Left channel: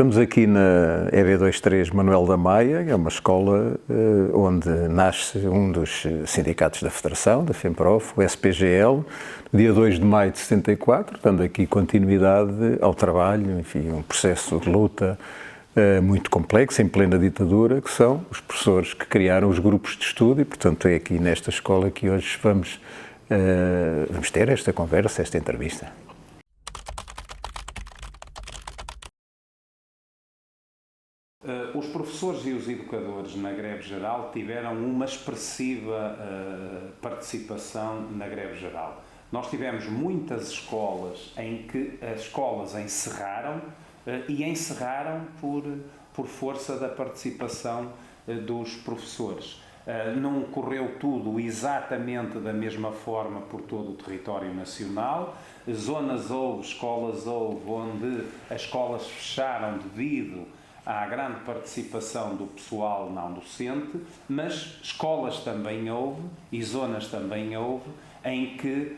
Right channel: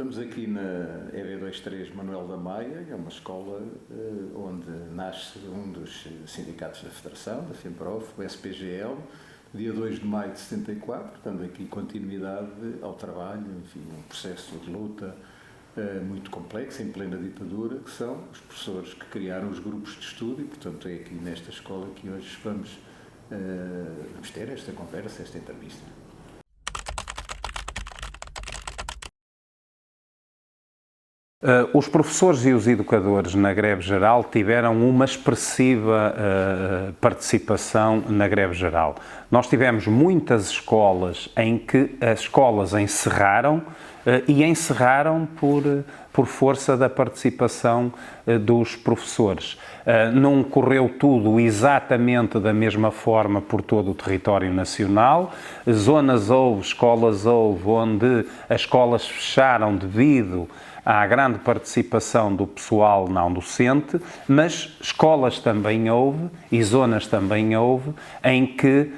Estamos aqui na EB23 Manuel da Maia, é uma escola onde nasce um dos sindicatos da Federação, da FEMPROF, o SPGL, dia 2 de maio de 74, dando aqui continuidade ao trabalho, enfim, um processo de luta muito complexo, em plena ditadura, que são os professores que criaram os grupos de estudo e, portanto, é aqui nesta escola que hoje vamos ter esta conversa, esta entrevista. Os professores e os educadores na greve geral tiveram uma expressiva participação na greve geral. Nós tivemos muitas escolas em que as escolas encerraram e encerraram por força da participação dos professores. Não correu tudo exatamente da mesma forma por todo o território nacional. Zonas houve, escolas houve, onde as escolas fecharam devido à grande participação do pessoal não docente, mas escolas também houve e zonas também houve em que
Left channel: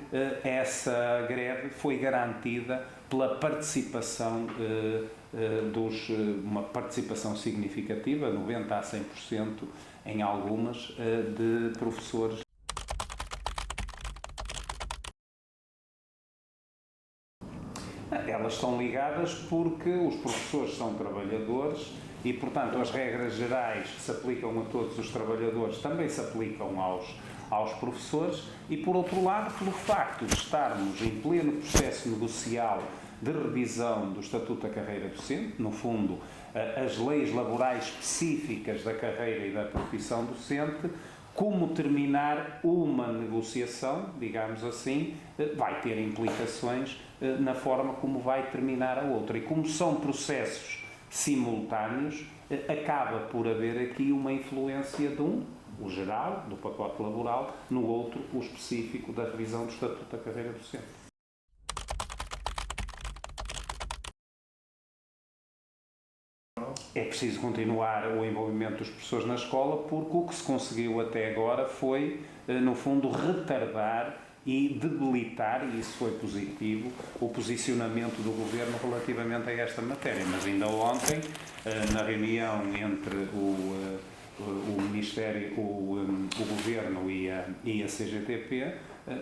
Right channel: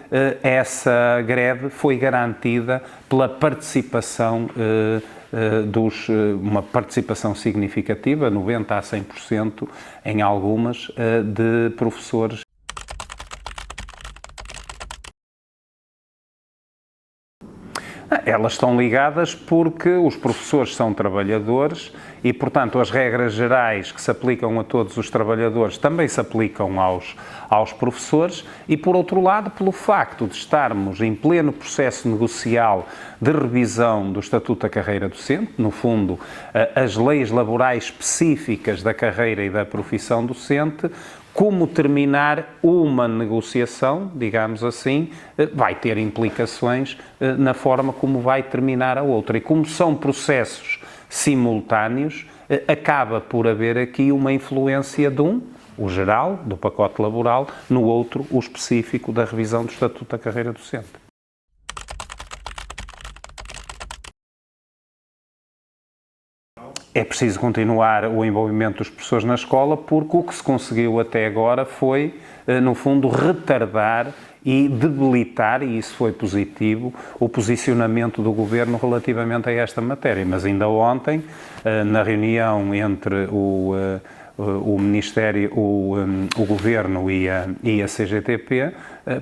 essa greve foi garantida pela participação uma participação significativa, 90% a 100% em algumas, de professores. Elas estão ligadas porque os professores são trabalhadores e, portanto, as regras gerais que se aplicam a todos os trabalhadores também se aplicam aos professores e, por outro lado, pelo facto de estarmos em pleno processo negocial de revisão do Estatuto da Carreira Docente, no fundo, as leis laborais específicas da carreira e da profissão docente, como terminar uma negociação, digamos assim, vai ter implicações na forma como vai terminar a outra. E como são processos simultâneos, acaba por haver aqui uma influência de o geral, do pacote laboral, no outro, o específico da revisão do Estatuto da Carreira Docente. É preciso continuar o envolvimento dos professores na escola porque o que se conseguiu até agora foi, no fundo, retardar e debilitar, e isso foi positivo, o posicionamento do Governo relativamente a esta matéria. Mas ainda ontem, na reunião entre o Ministério, o Governo e a CGTP,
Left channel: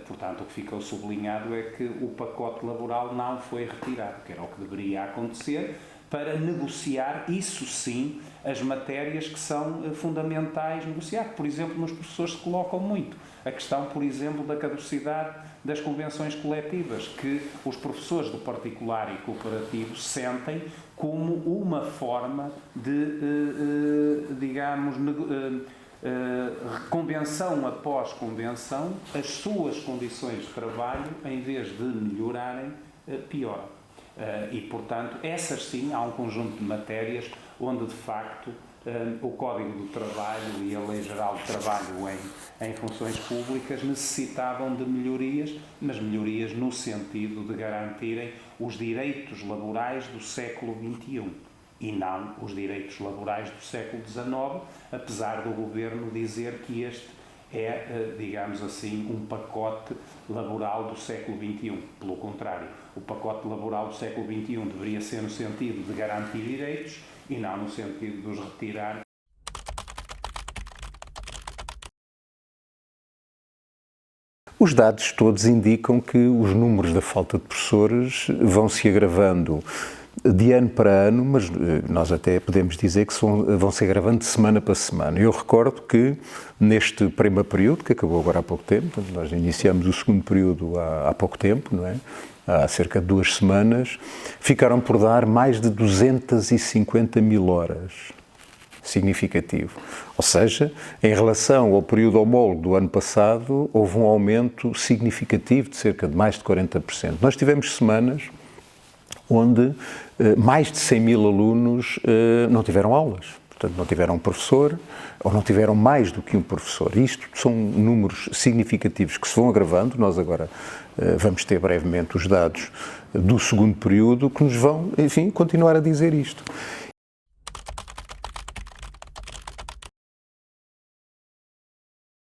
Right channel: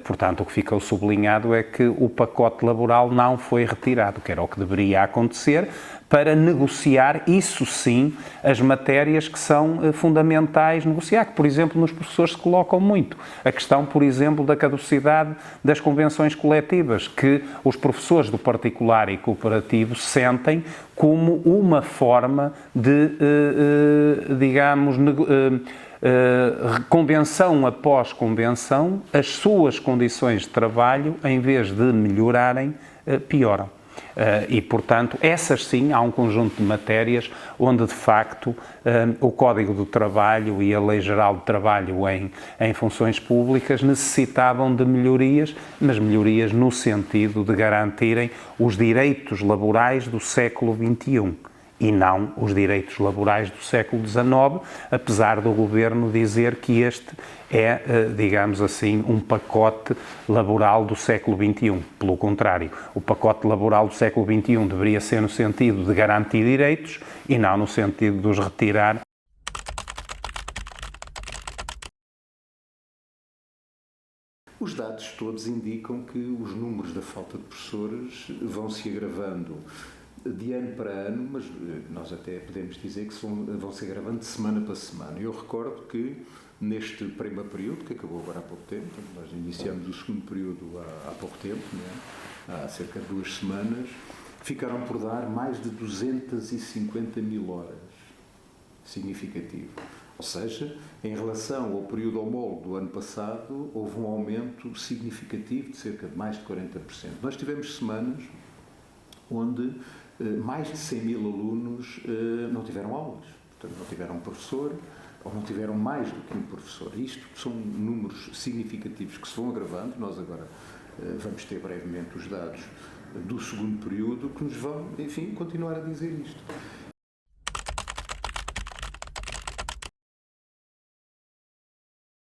portanto, o que ficou sublinhado é que o pacote laboral não foi retirado, que era o que deveria acontecer, para negociar, isso sim, as matérias que são fundamentais negociar, que, por exemplo, nos professores se colocam muito. A questão, por exemplo, da caducidade das convenções coletivas, que os professores do particular e cooperativo sentem como uma forma de, digamos, convenção após convenção, as suas condições de trabalho, em vez de melhorarem, pioram. E, portanto, essas sim, há um conjunto de matérias onde, de facto, o Código do Trabalho e a Lei Geral do Trabalho em funções públicas necessitavam de melhorias, mas melhorias no sentido de garantirem os direitos laborais do século XXI e não os direitos laborais do século XIX, apesar do Governo dizer que este é, digamos assim, um pacote laboral do século XXI. Pelo contrário, o pacote laboral do século XXI deveria ser no sentido de garantir direitos e não no sentido de os retirar. Os dados todos indicam que os números da falta de professores vão se agravando de ano para ano, mas nós até podemos dizer que vão se agravando de semana para semana. Eu recordo que neste primeiro período, que acabou agora há pouco tempo, nós iniciamos o segundo período há pouco tempo, não é? Há cerca de 2 semanas, ficaram por dar mais de 250 mil horas. Significativo. Ou seja, em relação ao período homólogo do ano passado, houve um aumento significativo de cerca de mais de 40%. Nós tivemos semanas onde mais de 100 mil alunos não tiveram aulas, portanto não tiveram um professor ou não tiveram mais do que um professor. Isto são números significativos que se vão agravando. Nós agora vamos ter brevemente os dados do segundo período que nos vão, enfim, continuar a dizer isto.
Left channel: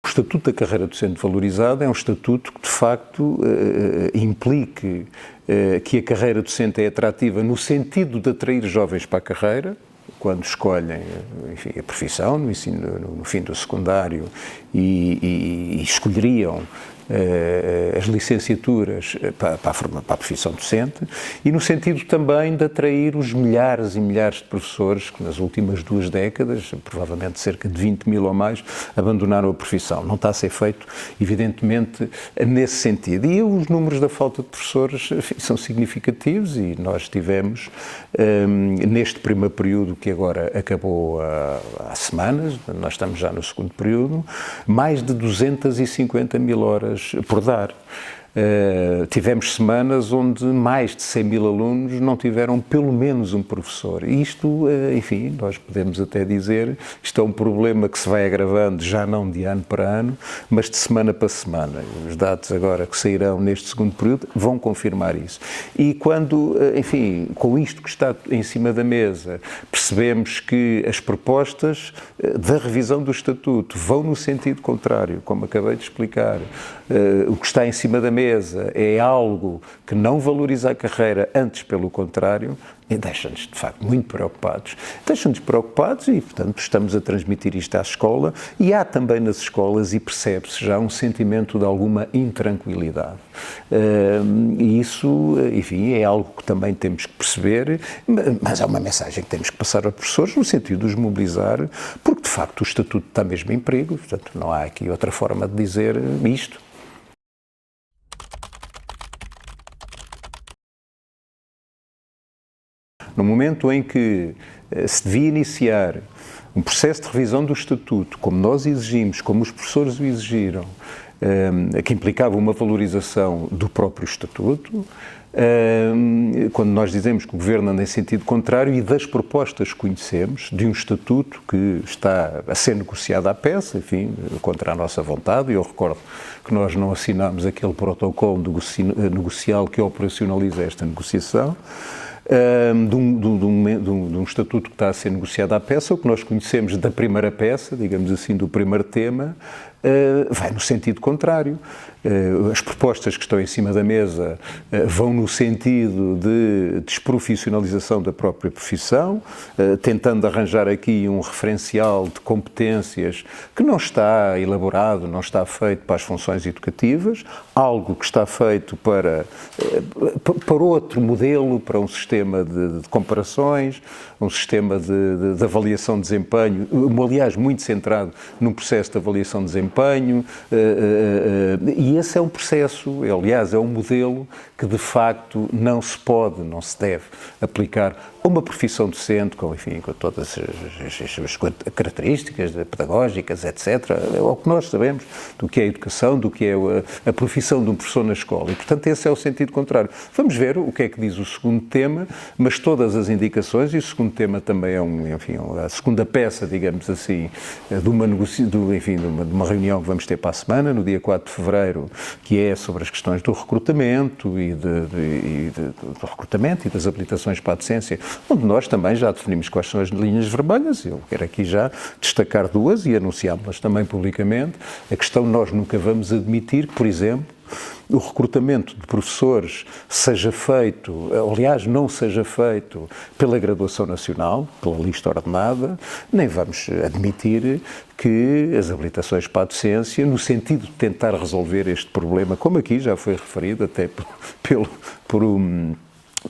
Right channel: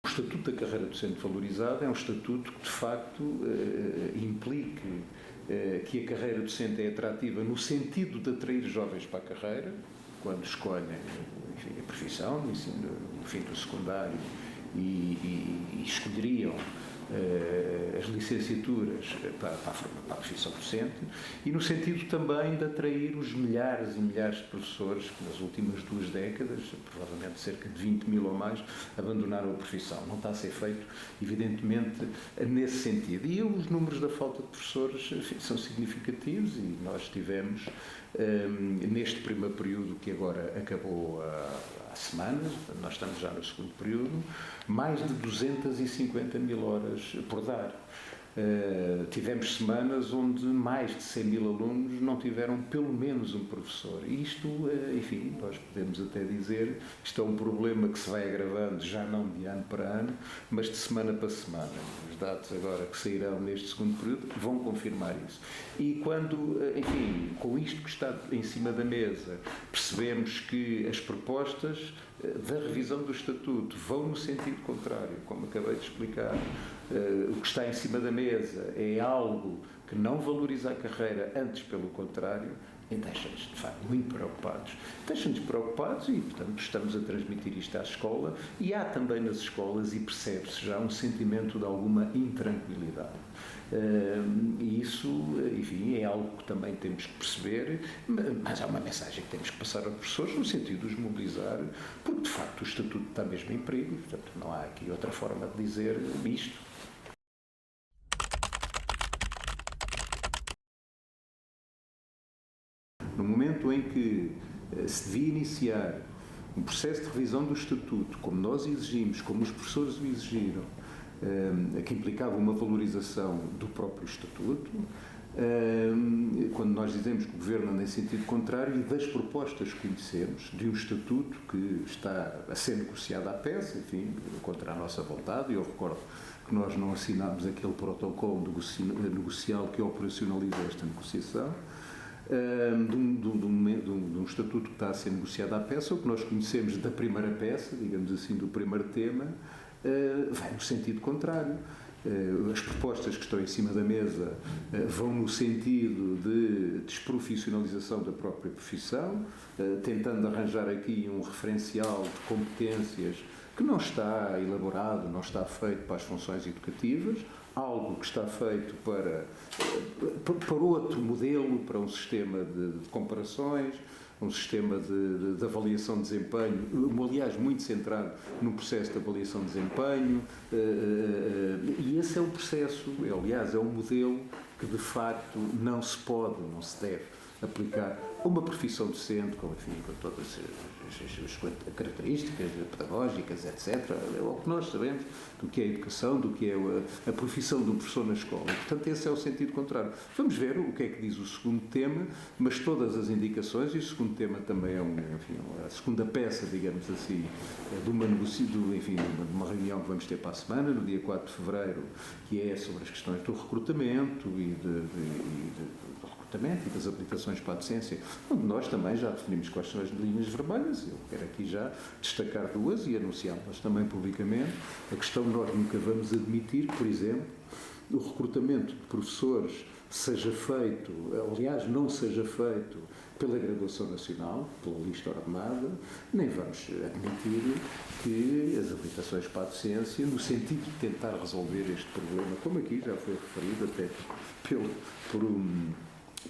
O Estatuto da Carreira Docente Valorizada é um estatuto que, de facto, implique que a carreira docente é atrativa no sentido de atrair jovens para a carreira, quando escolhem, enfim, a profissão, no fim do secundário, e escolheriam as licenciaturas para a profissão docente, e no sentido também de atrair os milhares e milhares de professores que nas últimas 2 décadas, provavelmente cerca de 20 mil ou mais, abandonaram a profissão. Não está a ser feito, evidentemente, nesse sentido. E os números da falta de professores, enfim, são significativos, e nós tivemos, neste primeiro período, que agora acabou há semanas, nós estamos já no segundo período, mais de 250 mil horas por dar. Tivemos semanas onde mais de 100 mil alunos não tiveram pelo menos um professor. E isto, enfim, nós podemos até dizer, isto é um problema que se vai agravando, já não de ano para ano, mas de semana para semana. Os dados agora que sairão neste segundo período vão confirmar isso. E quando, enfim, com isto que está em cima da mesa, percebemos que as propostas da revisão do Estatuto vão no sentido contrário, como acabei de explicar. O que está em cima da mesa é algo que não valoriza a carreira, antes pelo contrário, e deixa-nos, de facto, muito preocupados. Deixa-nos preocupados e, portanto, estamos a transmitir isto à escola, e há também nas escolas, e percebe-se já, um sentimento de alguma intranquilidade. E isso, enfim, é algo que também temos que perceber, mas é uma mensagem que temos que passar aos professores, no sentido de os mobilizar, porque, de facto, o Estatuto está mesmo em perigo, portanto, não há aqui outra forma de dizer isto. No momento em que se devia iniciar um processo de revisão do Estatuto, como nós exigimos, como os professores o exigiram, que implicava uma valorização do próprio Estatuto, quando nós dizemos que o Governo anda em sentido contrário, e das propostas que conhecemos, de um Estatuto que está a ser negociado à peça, enfim, contra a nossa vontade, e eu recordo que nós não assinámos aquele protocolo negocial que operacionaliza esta negociação, de um estatuto que está a ser negociado à peça. O que nós conhecemos da primeira peça, digamos assim, do primeiro tema, vai no sentido contrário. As propostas que estão em cima da mesa vão no sentido de desprofissionalização da própria profissão, tentando arranjar aqui um referencial de competências que não está elaborado, não está feito para as funções educativas, algo que está feito para outro modelo, para um sistema de comparações, um sistema de avaliação de desempenho, aliás, muito centrado num processo de avaliação de desempenho, e esse é um processo, aliás, é um modelo que de facto não se pode, não se deve aplicar a uma profissão docente, com, enfim, com todas as características pedagógicas, etc. É o que nós sabemos do que é a educação, do que é a profissão de um professor na escola. E, portanto, esse é o sentido contrário. Vamos ver o que é que diz o segundo tema, mas todas as indicações, e o segundo tema também é a segunda peça, digamos assim, de uma reunião que vamos ter para a semana, no dia 4 de fevereiro, que é sobre as questões do recrutamento do recrutamento e das habilitações para a docência, onde nós também já definimos quais são as linhas vermelhas. Eu quero aqui já destacar 2 e anunciá-las também publicamente. A questão, nós nunca vamos admitir que, por exemplo, o recrutamento de professores seja feito, aliás, não seja feito pela graduação nacional, pela lista ordenada, nem vamos admitir que as habilitações para a docência, no sentido de tentar resolver este problema, como aqui já foi referido até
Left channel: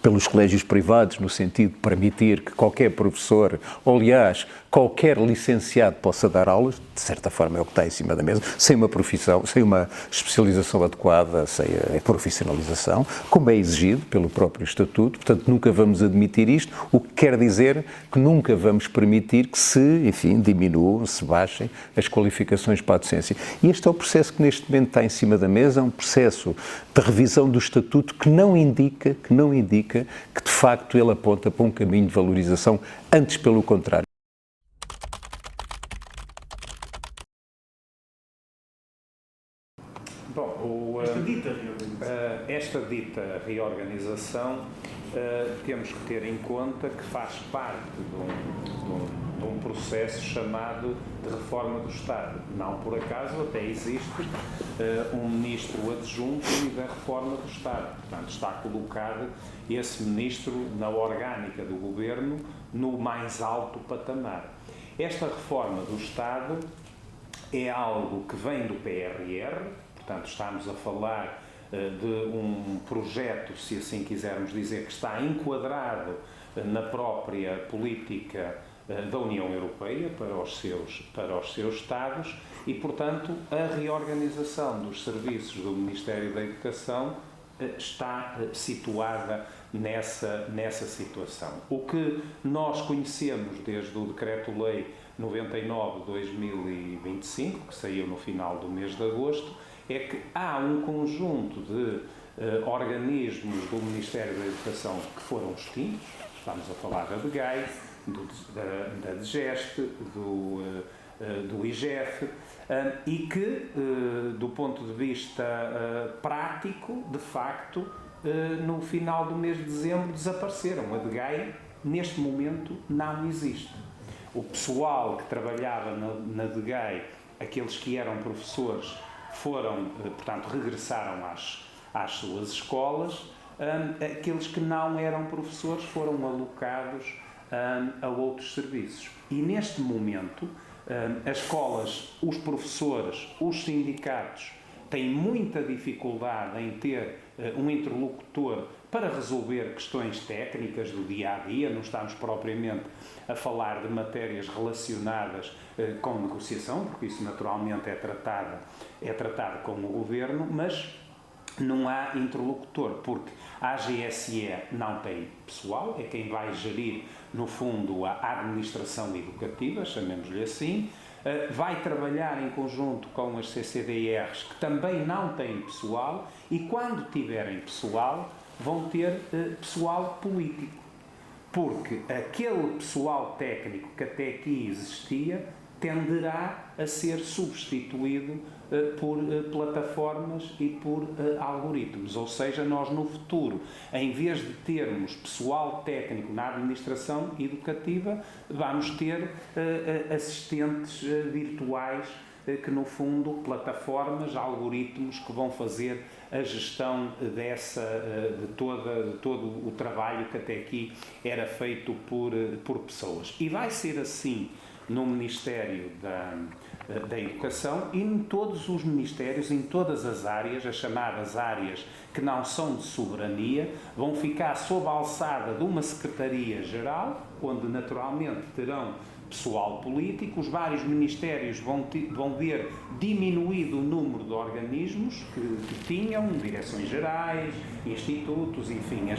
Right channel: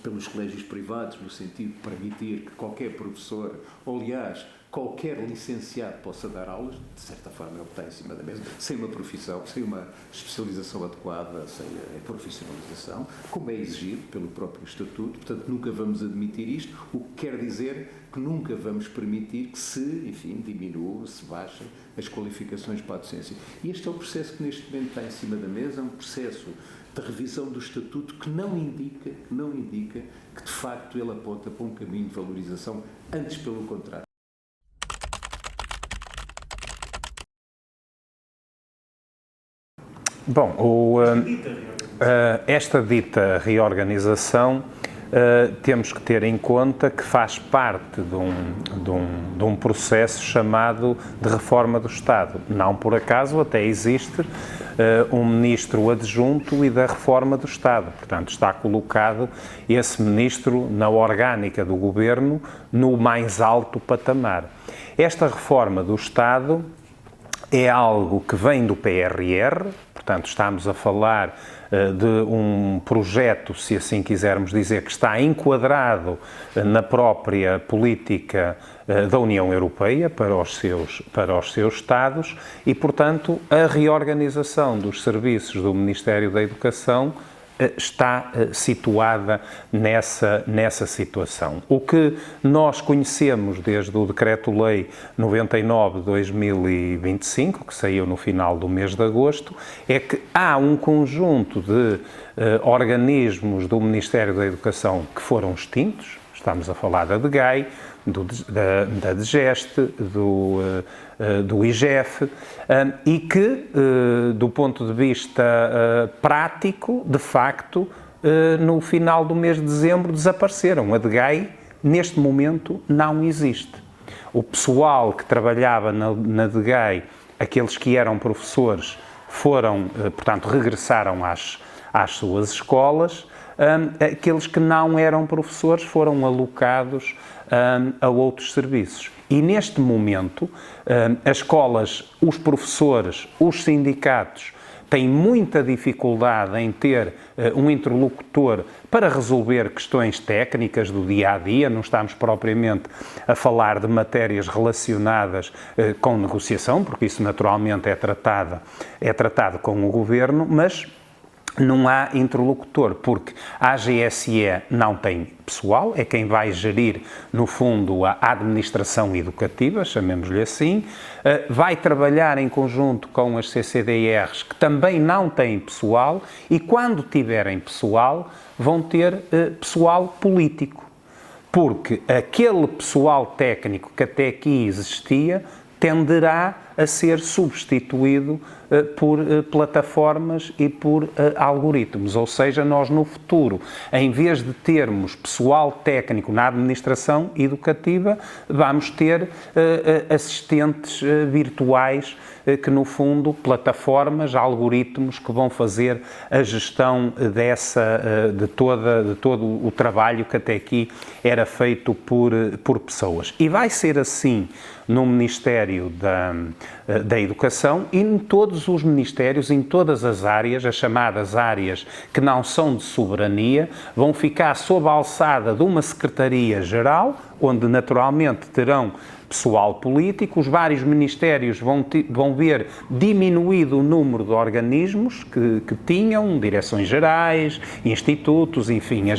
pelos colégios privados, no sentido de permitir que qualquer professor, ou aliás, qualquer licenciado possa dar aulas, de certa forma é o que está em cima da mesa, sem uma profissão, sem uma especialização adequada, sem a profissionalização, como é exigido pelo próprio Estatuto. Portanto, nunca vamos admitir isto, o que quer dizer que nunca vamos permitir que diminuam, se baixem as qualificações para a docência. E este é o processo que neste momento está em cima da mesa, é um processo de revisão do Estatuto que não indica que de facto ele aponta para um caminho de valorização, antes pelo contrário. Bom, esta dita reorganização temos que ter em conta que faz parte de um processo chamado de reforma do Estado. Não por acaso até existe um ministro adjunto e da reforma do Estado. Portanto, está colocado esse ministro na orgânica do governo no mais alto patamar. Esta reforma do Estado é algo que vem do PRR, portanto, estamos a falar de um projeto, se assim quisermos dizer, que está enquadrado na própria política da União Europeia para os seus Estados e, portanto, a reorganização dos serviços do Ministério da Educação está situada nessa situação. O que nós conhecemos desde o Decreto-Lei 99 de 2025, que saiu no final do mês de agosto, é que há um conjunto de organismos do Ministério da Educação que foram extintos, estamos a falar da DGAI, da DGEST, do IGF, e que, do ponto de vista prático, de facto, no final do mês de dezembro desapareceram. A DGAI, neste momento, não existe. O pessoal que trabalhava na DGAI, aqueles que eram professores, portanto, regressaram às suas escolas. Aqueles que não eram professores foram alocados a outros serviços. E neste momento, as escolas, os professores, os sindicatos têm muita dificuldade em ter um interlocutor para resolver questões técnicas do dia-a-dia. Não estamos propriamente a falar de matérias relacionadas com negociação, porque isso naturalmente é tratado com o Governo, mas não há interlocutor, porque a AGSE não tem pessoal, é quem vai gerir, no fundo, a administração educativa, chamemos-lhe assim, vai trabalhar em conjunto com as CCDRs, que também não têm pessoal, e quando tiverem pessoal, vão ter pessoal político, porque aquele pessoal técnico que até aqui existia tenderá a ser substituído por plataformas e por algoritmos. Ou seja, nós no futuro, em vez de termos pessoal técnico na administração educativa, vamos ter assistentes virtuais que, no fundo, plataformas, algoritmos que vão fazer a gestão de todo o trabalho que até aqui era feito por pessoas. E vai ser assim no Ministério da Educação e em todos os ministérios, em todas as áreas, as chamadas áreas que não são de soberania, vão ficar sob a alçada de uma Secretaria-Geral, onde naturalmente terão pessoal político. Os vários ministérios vão ver diminuído o número de organismos que tinham, direções gerais, institutos, enfim,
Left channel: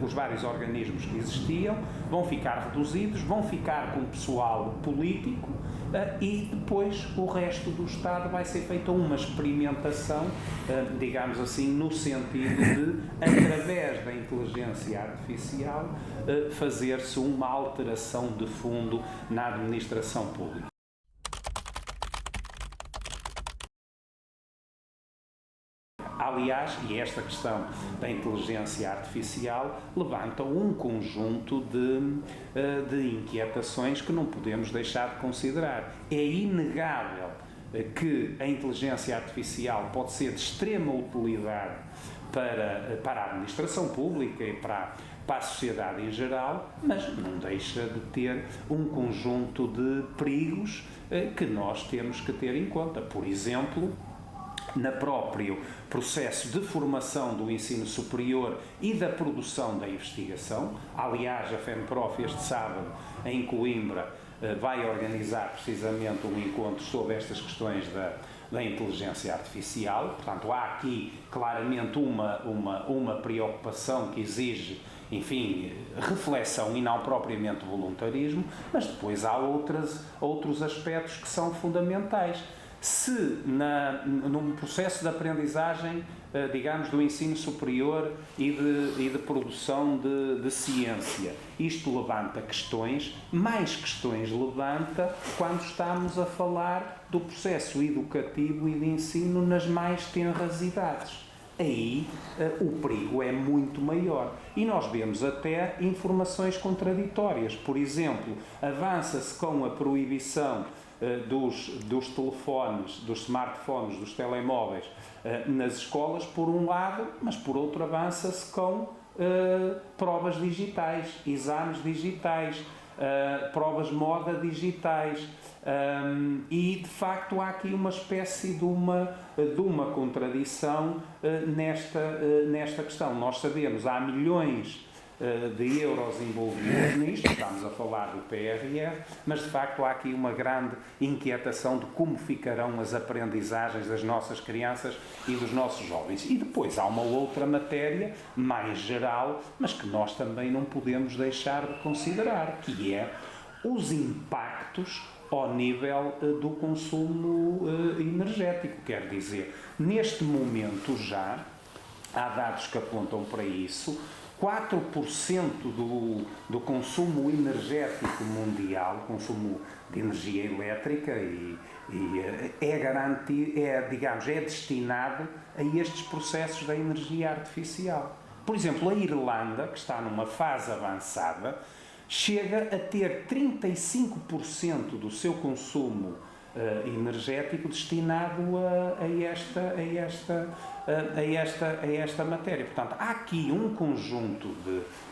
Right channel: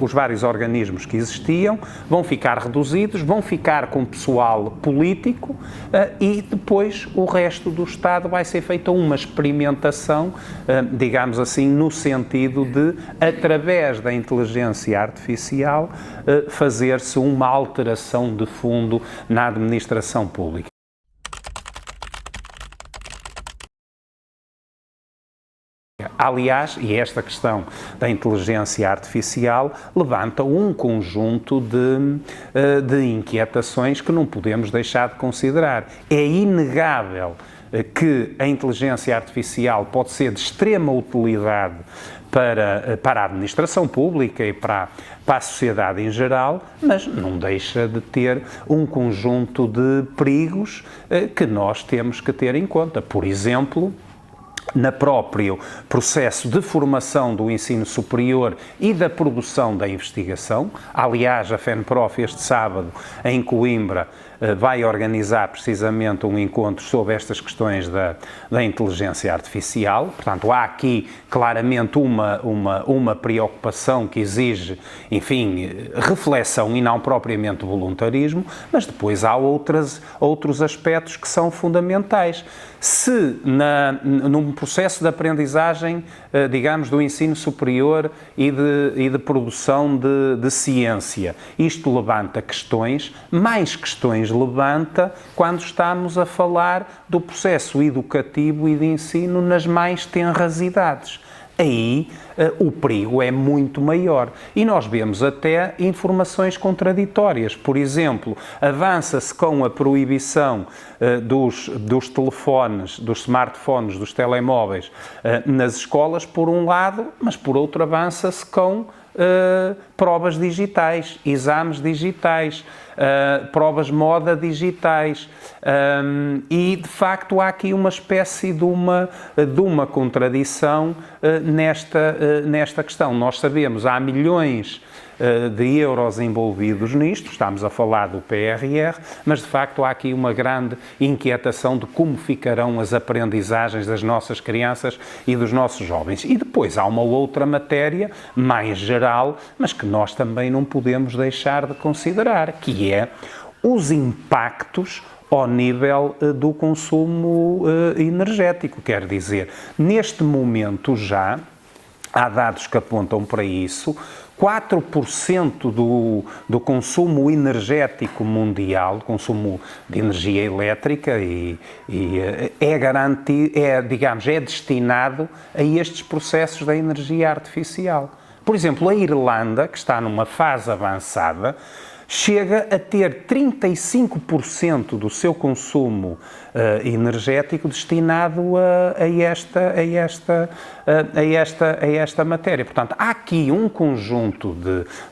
os vários organismos que existiam, vão ficar reduzidos, vão ficar com pessoal político e depois o resto do Estado vai ser feita uma experimentação, digamos assim, no sentido de, através da inteligência artificial, fazer-se uma alteração de fundo na administração pública. Aliás, e esta questão da inteligência artificial levanta um conjunto de inquietações que não podemos deixar de considerar. É inegável que a inteligência artificial pode ser de extrema utilidade para a administração pública e para a sociedade em geral, mas não deixa de ter um conjunto de perigos que nós temos que ter em conta. Por exemplo, no próprio processo de formação do ensino superior e da produção da investigação. Aliás, a FENPROF este sábado, em Coimbra, vai organizar precisamente um encontro sobre estas questões da inteligência artificial. Portanto, há aqui claramente uma preocupação que exige, enfim, reflexão e não propriamente voluntarismo, mas depois há outros aspectos que são fundamentais. Se num processo de aprendizagem, digamos, do ensino superior e de produção de ciência, isto levanta questões, mais questões levanta quando estamos a falar do processo educativo e de ensino nas mais tenras idades. aí o perigo é muito maior. E nós vemos até informações contraditórias. Por exemplo, avança-se com a proibição dos telefones, dos smartphones, dos telemóveis nas escolas, por um lado, mas por outro avança-se com provas digitais, exames digitais, provas moda digitais. E, de facto, há aqui uma espécie de uma contradição nesta questão. Nós sabemos, há milhões de euros envolvidos nisto, estamos a falar do PRR, mas de facto há aqui uma grande inquietação de como ficarão as aprendizagens das nossas crianças e dos nossos jovens. E depois há uma outra matéria, mais geral, mas que nós também não podemos deixar de considerar, que é os impactos ao nível do consumo energético. Quer dizer, neste momento já há dados que apontam para isso. 4% do consumo energético mundial, consumo de energia elétrica, é garantido, digamos, é destinado a estes processos da energia artificial. Por exemplo, a Irlanda, que está numa fase avançada, chega a ter 35% do seu consumo energético destinado a esta matéria. Portanto, há aqui um conjunto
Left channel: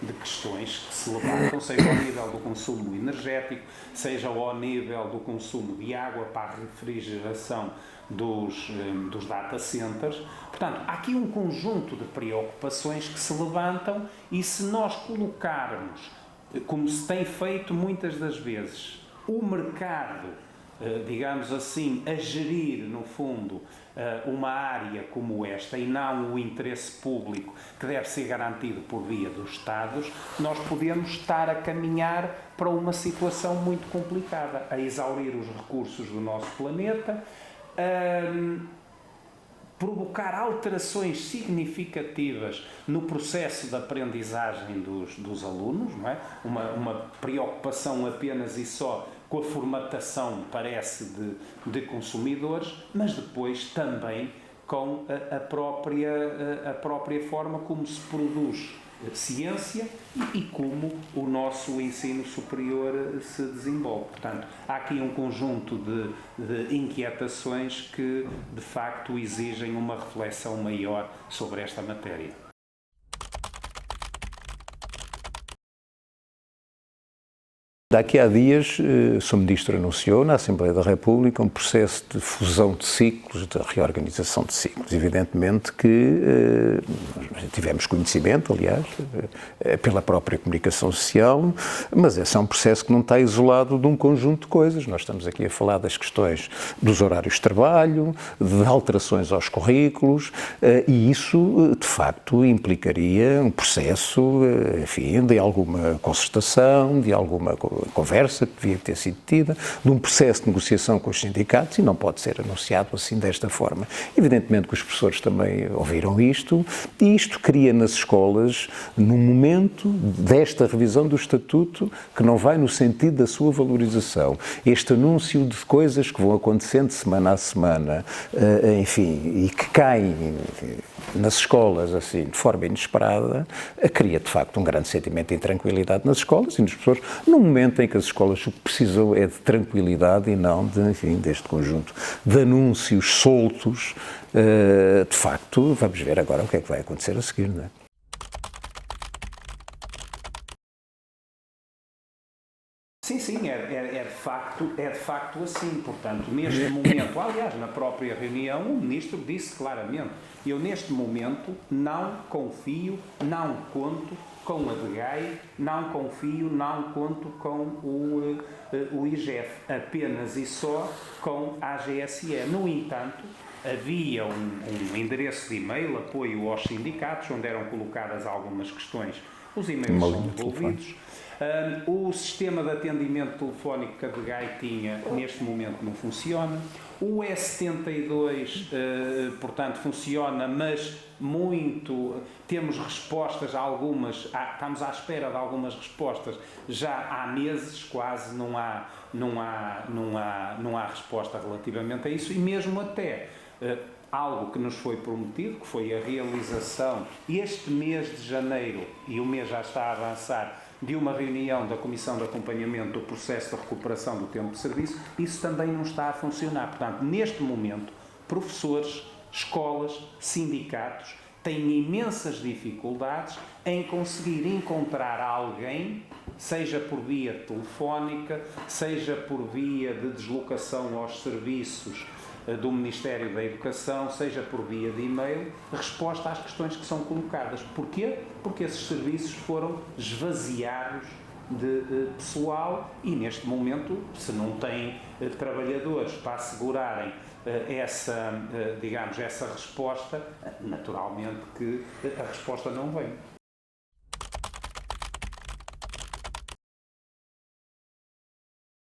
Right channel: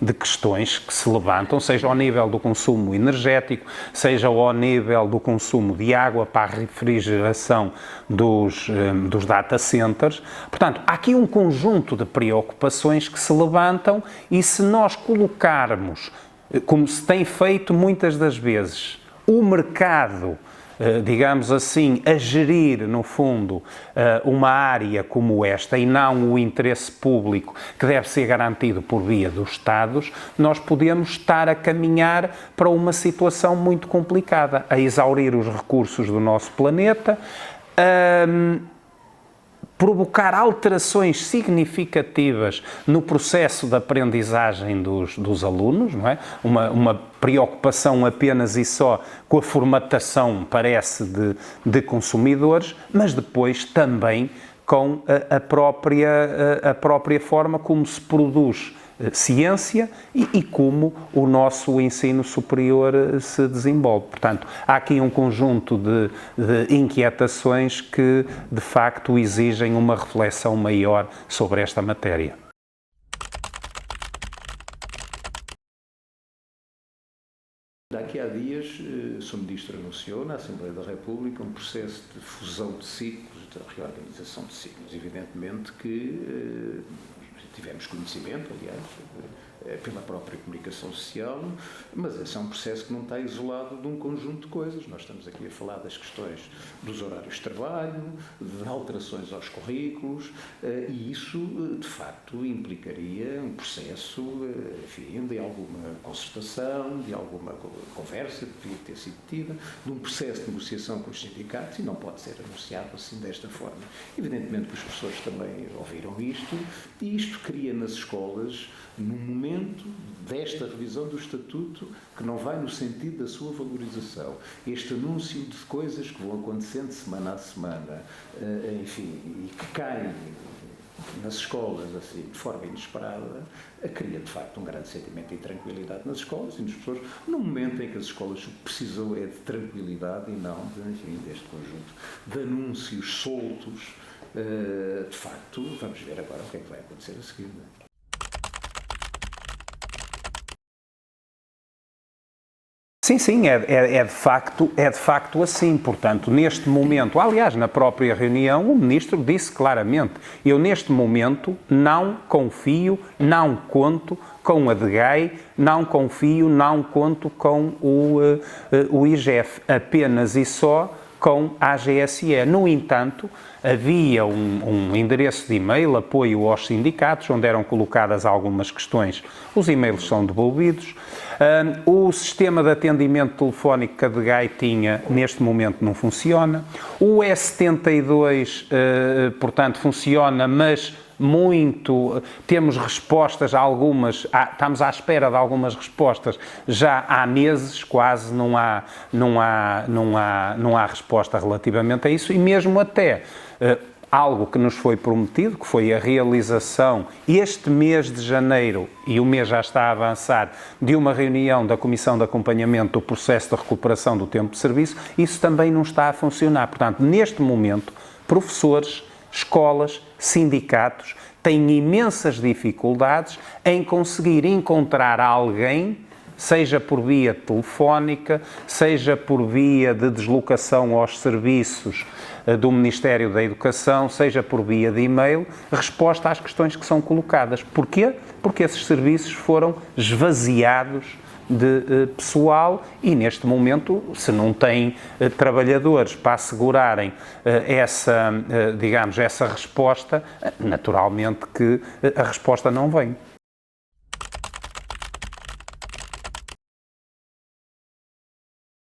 de questões que se levantam, seja ao nível do consumo energético, seja ao nível do consumo de água para a refrigeração dos data centers. Portanto, há aqui um conjunto de preocupações que se levantam e se nós colocarmos, como se tem feito muitas das vezes, o mercado, digamos assim, a gerir, no fundo, uma área como esta e não o interesse público que deve ser garantido por via dos Estados, nós podemos estar a caminhar para uma situação muito complicada, a exaurir os recursos do nosso planeta, provocar alterações significativas no processo de aprendizagem dos alunos, não é? Uma preocupação apenas e só com a formatação, parece, de consumidores, mas depois também com a própria forma como se produz ciência e como o nosso ensino superior se desenvolve. Portanto, há aqui um conjunto de inquietações que, de facto, exigem uma reflexão maior sobre esta matéria. Daqui a dias, o Sr. Ministro anunciou na Assembleia da República um processo de fusão de ciclos, de reorganização de ciclos. Evidentemente que tivemos conhecimento, aliás, pela própria comunicação social, mas esse é um processo que não está isolado de um conjunto de coisas. Nós estamos aqui a falar das questões dos horários de trabalho, de alterações aos currículos, e isso, de facto, implicaria um processo, enfim, de alguma concertação, de alguma conversa que devia ter sido tida, de um processo de negociação com os sindicatos, e não pode ser anunciado assim desta forma. Evidentemente que os professores também ouviram isto, e isto cria nas escolas, num momento desta revisão do Estatuto, que não vai no sentido da sua valorização. Este anúncio de coisas que vão acontecendo semana a semana, enfim, e que caem nas escolas, assim, de forma inesperada, cria, de facto, um grande sentimento de intranquilidade nas escolas e nos professores, num momento em que as escolas precisam é de tranquilidade e não enfim, deste conjunto de anúncios soltos. De facto, vamos ver agora o que é que vai acontecer a seguir, não é? Sim, é de facto assim. Portanto, neste momento, aliás, na própria reunião, o Ministro disse claramente: eu neste momento não confio, não conto com a DGAI, não confio, não conto com o IGF, apenas e só com a AGSE. No entanto, havia um endereço de e-mail, apoio aos sindicatos, onde eram colocadas algumas questões. Os e-mails são devolvidos. O sistema de atendimento telefónico que a DGAI tinha, neste momento, não funciona. O E72, portanto, funciona, mas temos respostas a algumas, estamos à espera de algumas respostas já há meses, quase não há resposta relativamente a isso, e mesmo até algo que nos foi prometido, que foi a realização este mês de janeiro, e o mês já está a avançar, de uma reunião da Comissão de Acompanhamento do processo de recuperação do tempo de serviço. Isso também não está a funcionar. Portanto, neste momento, professores, escolas, sindicatos têm imensas dificuldades em conseguir encontrar alguém, seja por via telefónica, seja por via de deslocação aos serviços do Ministério da Educação, seja por via de e-mail, resposta às questões que são colocadas. Porquê? Porque esses serviços foram esvaziados de pessoal e, neste momento, se não tem trabalhadores para assegurarem essa resposta, naturalmente que a resposta não vem.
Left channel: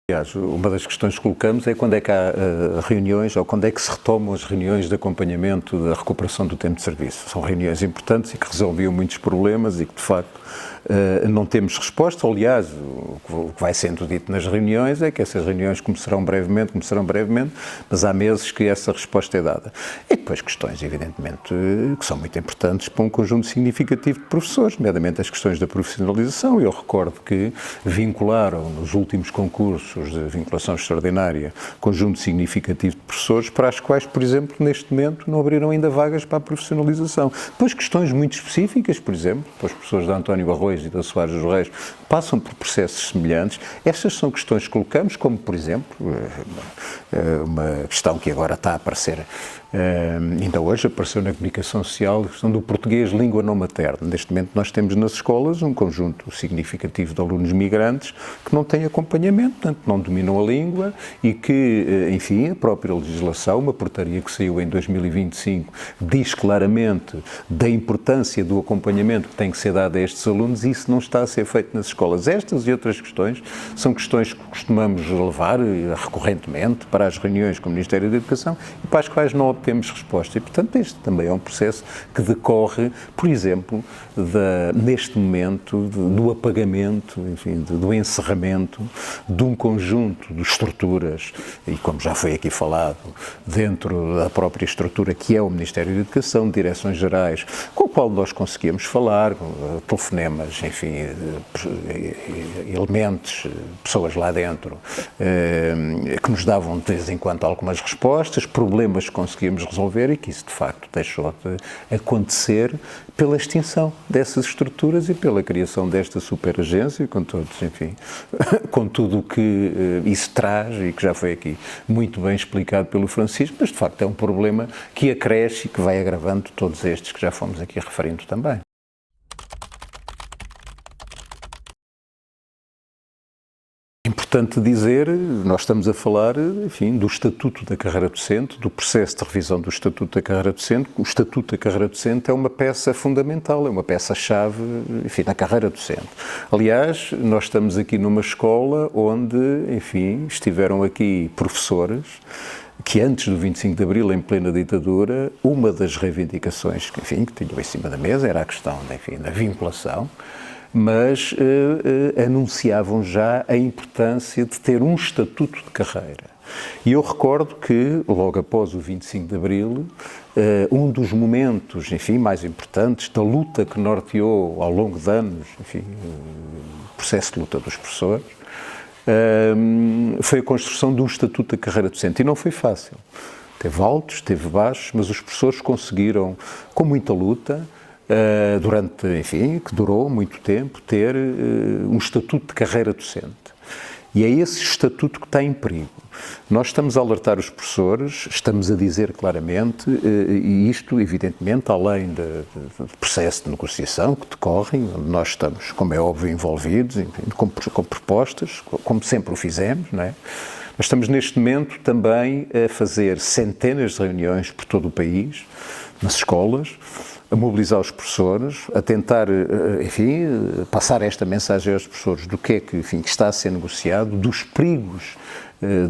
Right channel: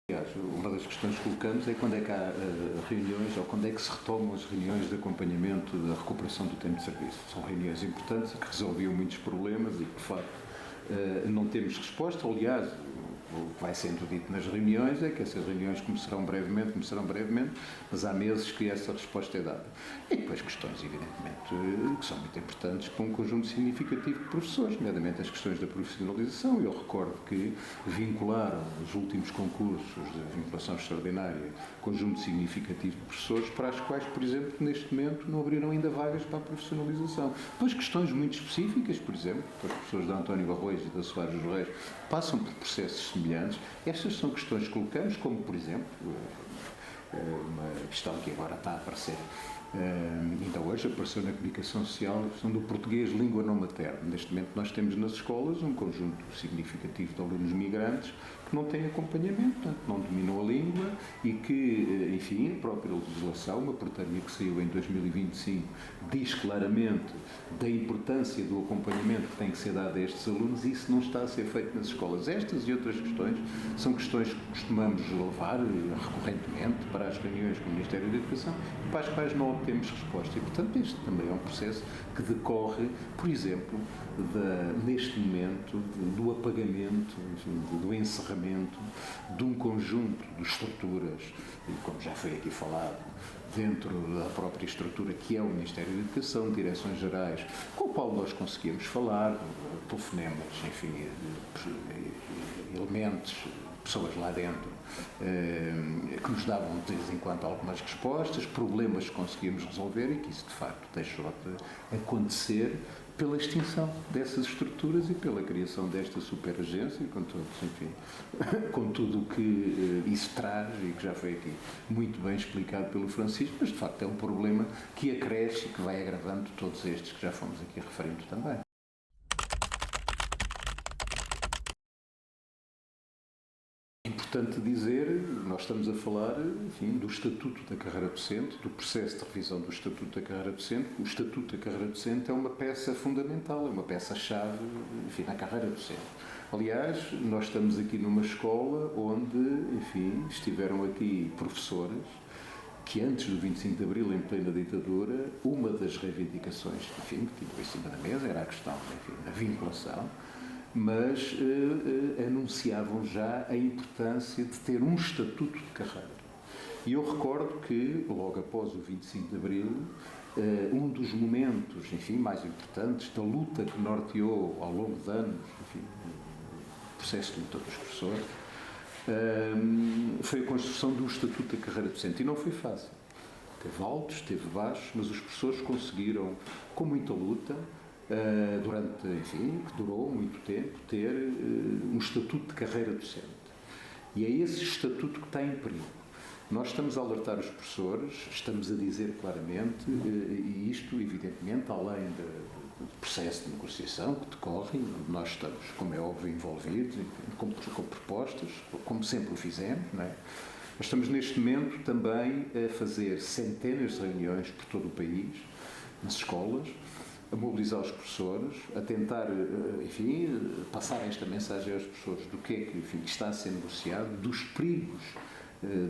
Aliás, uma das questões que colocamos é quando é que há reuniões ou quando é que se retomam as reuniões de acompanhamento da recuperação do tempo de serviço. São reuniões importantes e que resolviam muitos problemas e que, de facto, não temos resposta. Aliás, o que vai sendo dito nas reuniões é que essas reuniões começarão brevemente, mas há meses que essa resposta é dada. E depois questões, evidentemente, que são muito importantes para um conjunto significativo de professores, nomeadamente as questões da profissionalização. Eu recordo que vincularam nos últimos concursos de vinculação extraordinária conjunto significativo de professores para as quais, por exemplo, neste momento não abriram ainda vagas para a profissionalização. Depois questões muito específicas, por exemplo, para os professores da António Arroio e da Soares dos Reis, passam por processos semelhantes. Estas são questões que colocamos, como, por exemplo, uma questão que agora está a aparecer, ainda hoje apareceu na comunicação social, a questão do português língua não materna. Neste momento nós temos nas escolas um conjunto significativo de alunos migrantes que não têm acompanhamento, portanto não dominam a língua e que, enfim, a própria legislação, uma portaria que saiu em 2025, diz claramente da importância do acompanhamento que tem que ser dado a estes alunos e isso não está a ser feito nas escolas. Estas e outras questões são questões que costumamos levar recorrentemente para as reuniões com o Ministério da Educação e para as quais não obtemos resposta. E, portanto, este também é um processo que decorre, por exemplo, neste momento, do apagamento, enfim, do encerramento de um conjunto de estruturas, e como já foi aqui falado, dentro da própria estrutura que é o Ministério da Educação, direções gerais, com o qual nós conseguíamos falar, telefonemas, enfim, elementos, pessoas lá dentro, que nos davam de vez em quando algumas respostas, problemas que conseguíamos resolver e que isso de facto deixou de acontecer pela extinção dessas estruturas e pela criação desta superagência, com todos, enfim, com tudo o que isso traz e que já foi aqui muito bem explicado pelo Francisco, mas de facto é um problema que acresce e que vai agravando todos estes que já fomos aqui referindo também. Importante dizer, nós estamos a falar, enfim, do Estatuto da Carreira Docente, do processo de revisão do Estatuto da Carreira Docente. O Estatuto da Carreira Docente é uma peça fundamental, é uma peça-chave, enfim, na carreira docente. Aliás, nós estamos aqui numa escola onde, enfim, estiveram aqui professores que antes do 25 de Abril, em plena ditadura, uma das reivindicações que, enfim, que tinham em cima da mesa era a questão, enfim, da vinculação, mas anunciavam já a importância de ter um estatuto de carreira. E eu recordo que, logo após o 25 de Abril, um dos momentos, enfim, mais importantes da luta que norteou ao longo de anos, enfim, o processo de luta dos professores, foi a construção de um estatuto da carreira docente. E não foi fácil. Teve altos, teve baixos, mas os professores conseguiram, com muita luta, durante, enfim, que durou muito tempo, ter um estatuto de carreira docente. E é esse estatuto que está em perigo. Nós estamos a alertar os professores, estamos a dizer claramente, e isto, evidentemente, além do processo de negociação que decorrem, onde nós estamos, como é óbvio, envolvidos, enfim, com propostas, como sempre o fizemos, não é? Mas estamos neste momento também a fazer centenas de reuniões por todo o país, nas escolas, a mobilizar os professores, a tentar, enfim, passar esta mensagem aos professores do que é que, enfim, que está a ser negociado, dos perigos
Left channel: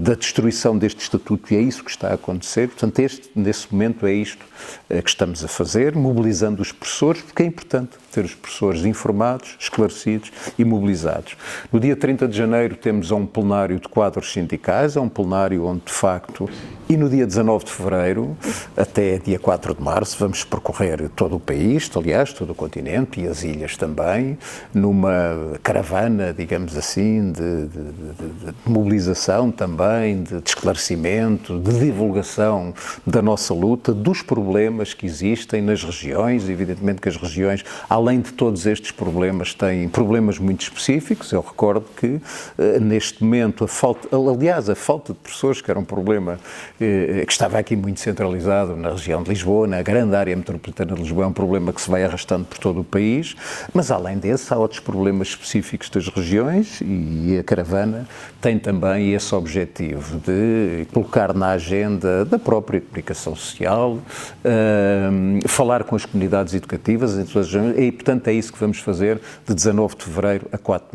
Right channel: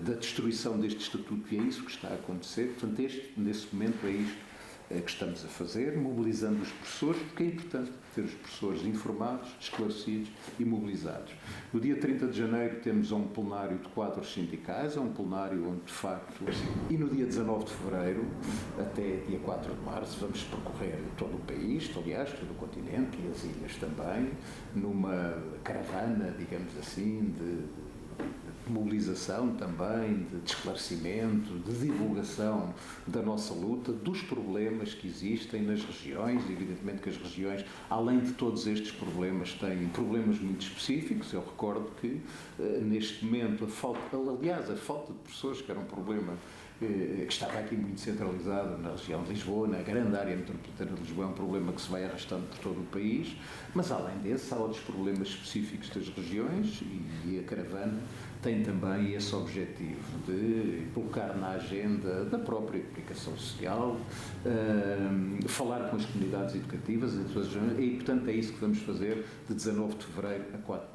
da destruição deste estatuto, e é isso que está a acontecer. Portanto, nesse momento é isto que estamos a fazer, mobilizando os professores, porque é importante. ter os professores informados, esclarecidos e mobilizados. No dia 30 de janeiro temos um plenário de quadros sindicais, é um plenário onde, de facto, e no dia 19 de fevereiro, até dia 4 de março, vamos percorrer todo o país, aliás, todo o continente e as ilhas também, numa caravana, digamos assim, de mobilização também, de esclarecimento, de divulgação da nossa luta, dos problemas que existem nas regiões. Evidentemente que as regiões, além de todos estes problemas, têm problemas muito específicos. Eu recordo que, neste momento, a falta de professores, que era um problema que estava aqui muito centralizado na região de Lisboa, na grande área metropolitana de Lisboa, é um problema que se vai arrastando por todo o país, mas além desse há outros problemas específicos das regiões e a caravana tem também esse objetivo de colocar na agenda da própria comunicação social, falar com as comunidades educativas e, portanto, é isso que vamos fazer de 19 de fevereiro a 4 de março.